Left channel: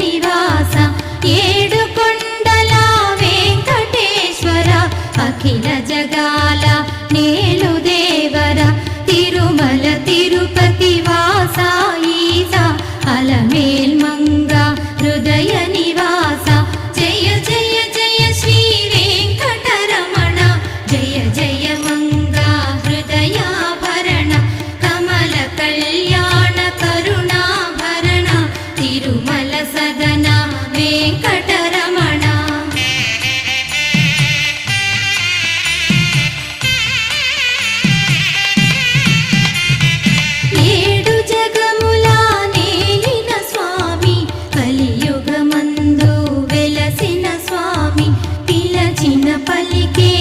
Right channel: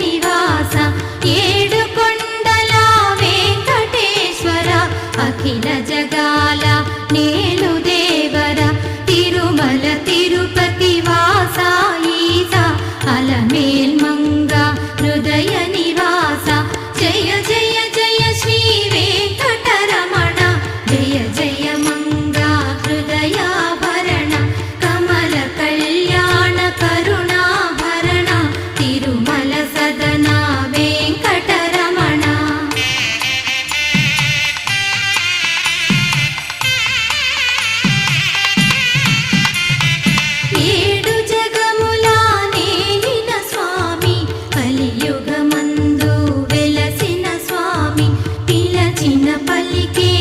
నివాస ఏడు కొండల వెంకటేశ్వర అఖిల జగాల నేలు దేవర తిరుమల తిరుపతి వాస ఈస అలమేల్ మంగ హృదయ నివాస జయ జయ జయ శ్రీ వెంకటరమణ జయ జయ మంగ హృదయాభరణ కమల కళ్యాణ కరుణాభరణ తిరుమల సదన వెంకటరమణ ఏడు జగముల నేలిన స్వామి కలియుగమందు వెలసిన స్వామి పిలచిన పలికే